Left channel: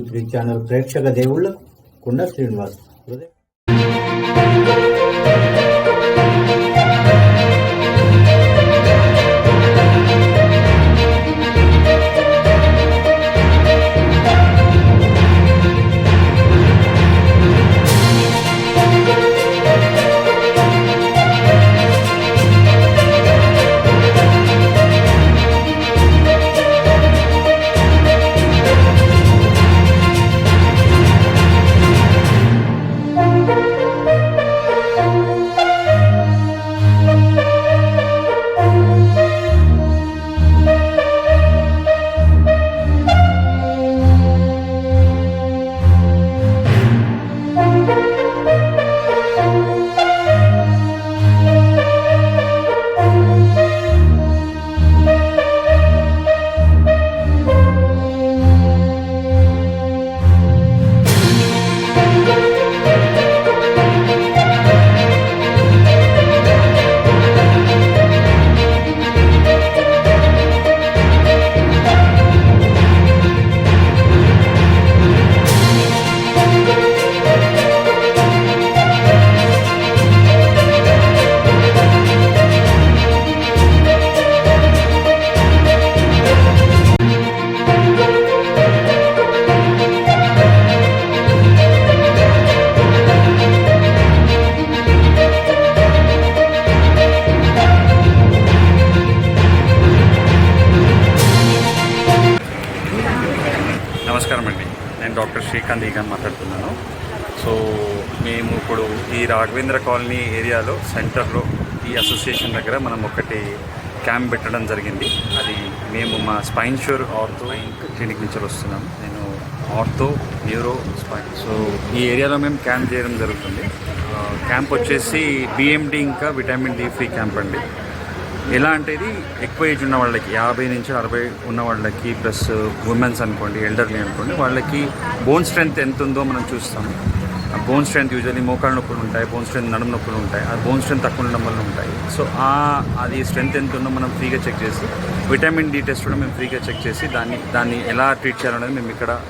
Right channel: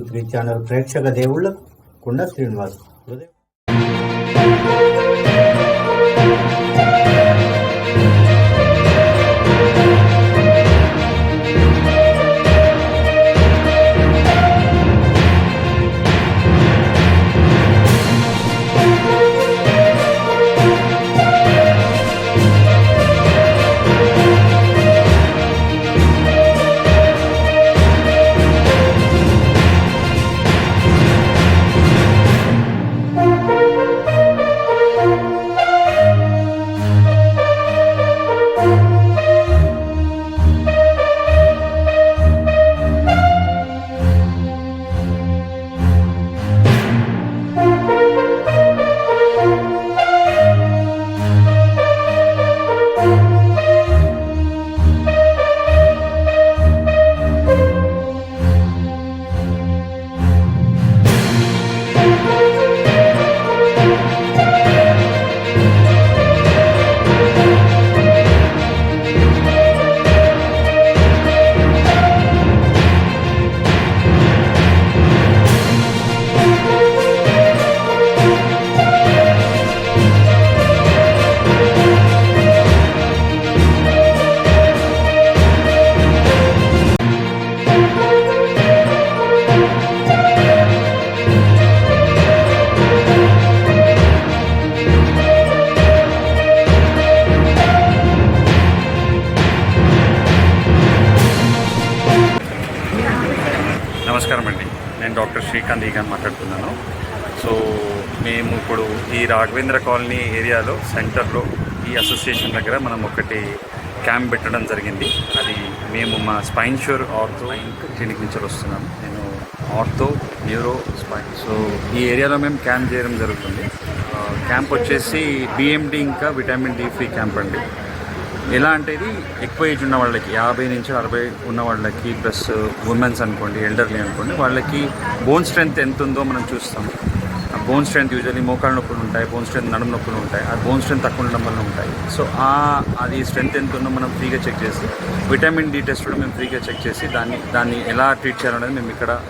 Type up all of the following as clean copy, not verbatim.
2-3 channel ప్రేక్షక దేవుళ్లకు కుండ శ్రీనివాస్ హృదయం. నమస్కారం అండి, నేను డాక్టర్ శ్రీకాంత్ ఈగన్ మాట్లాడుతున్నాను. సో మేము ఇప్పుడు ఈ రాఘవేంద్ర కాలనీ ఏరియాలో సెంటర్లో ఈ అసోసియేషన్ దగ్గర మనం ఒకటి క్యాంప్ పెట్టడం జరిగింది. అది మేము మా స్పైన్ ష్యూర్ ఆర్థో క్లినిక్ నుంచి వస్తున్నాము. నేను ఆర్థో, న్యూరో, స్పైన్. సో ఈ ఏరియాలో మేము క్యాంప్ చేయడం జరుగుతుంది. క్యాంప్ వచ్చేసి బిఎండి ఇంకా విటమిన్ డి ఫ్రీ క్యాంప్ అండి. ఎలా అంటే ఇది ఎక్కువ ఏజ్ ఉన్న వాళ్ళకి 50 నుంచి 60 ఉన్న వాళ్ళకి ప్లస్ ఉమెన్స్ అనుకోండి, ఎల్డర్లీ అనుకోండి, వాళ్ళకి బోన్ స్ట్రెంత్ ఎంత ఉందో మనం చూస్తాము. ఆ బోన్ స్ట్రెంత్ యూజువల్లీ మోకాళ్ళ నొప్పులు ఉంటాయి, బోన్ స్ట్రెంత్ నడుము నొప్పులు ఉంటాయి. ఆ బోన్ స్ట్రెంత్ తక్కువ ఉండడం వల్ల ఉంటాయి. సో అది స్ట్రెంత్ ఎంత ఉందో మనం ఫ్రీగా చెక్ చేసి, విటమిన్ డి టెస్ట్ కూడా మేము ఫ్రీగా చెక్ చేసి దాన్ని ఎలా ట్రీట్ చేయాలనేది మేము ఇక్కడ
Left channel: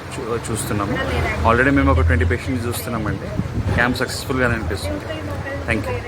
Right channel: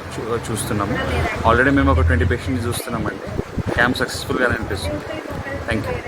చూస్తున్నాము. ఆల్రెడీ మేము ఒక 20 పేషెంట్స్ చూస్తున్నామండి. క్యాంప్ సక్సెస్ఫుల్గానే అనిపిస్తుంది. Thank you.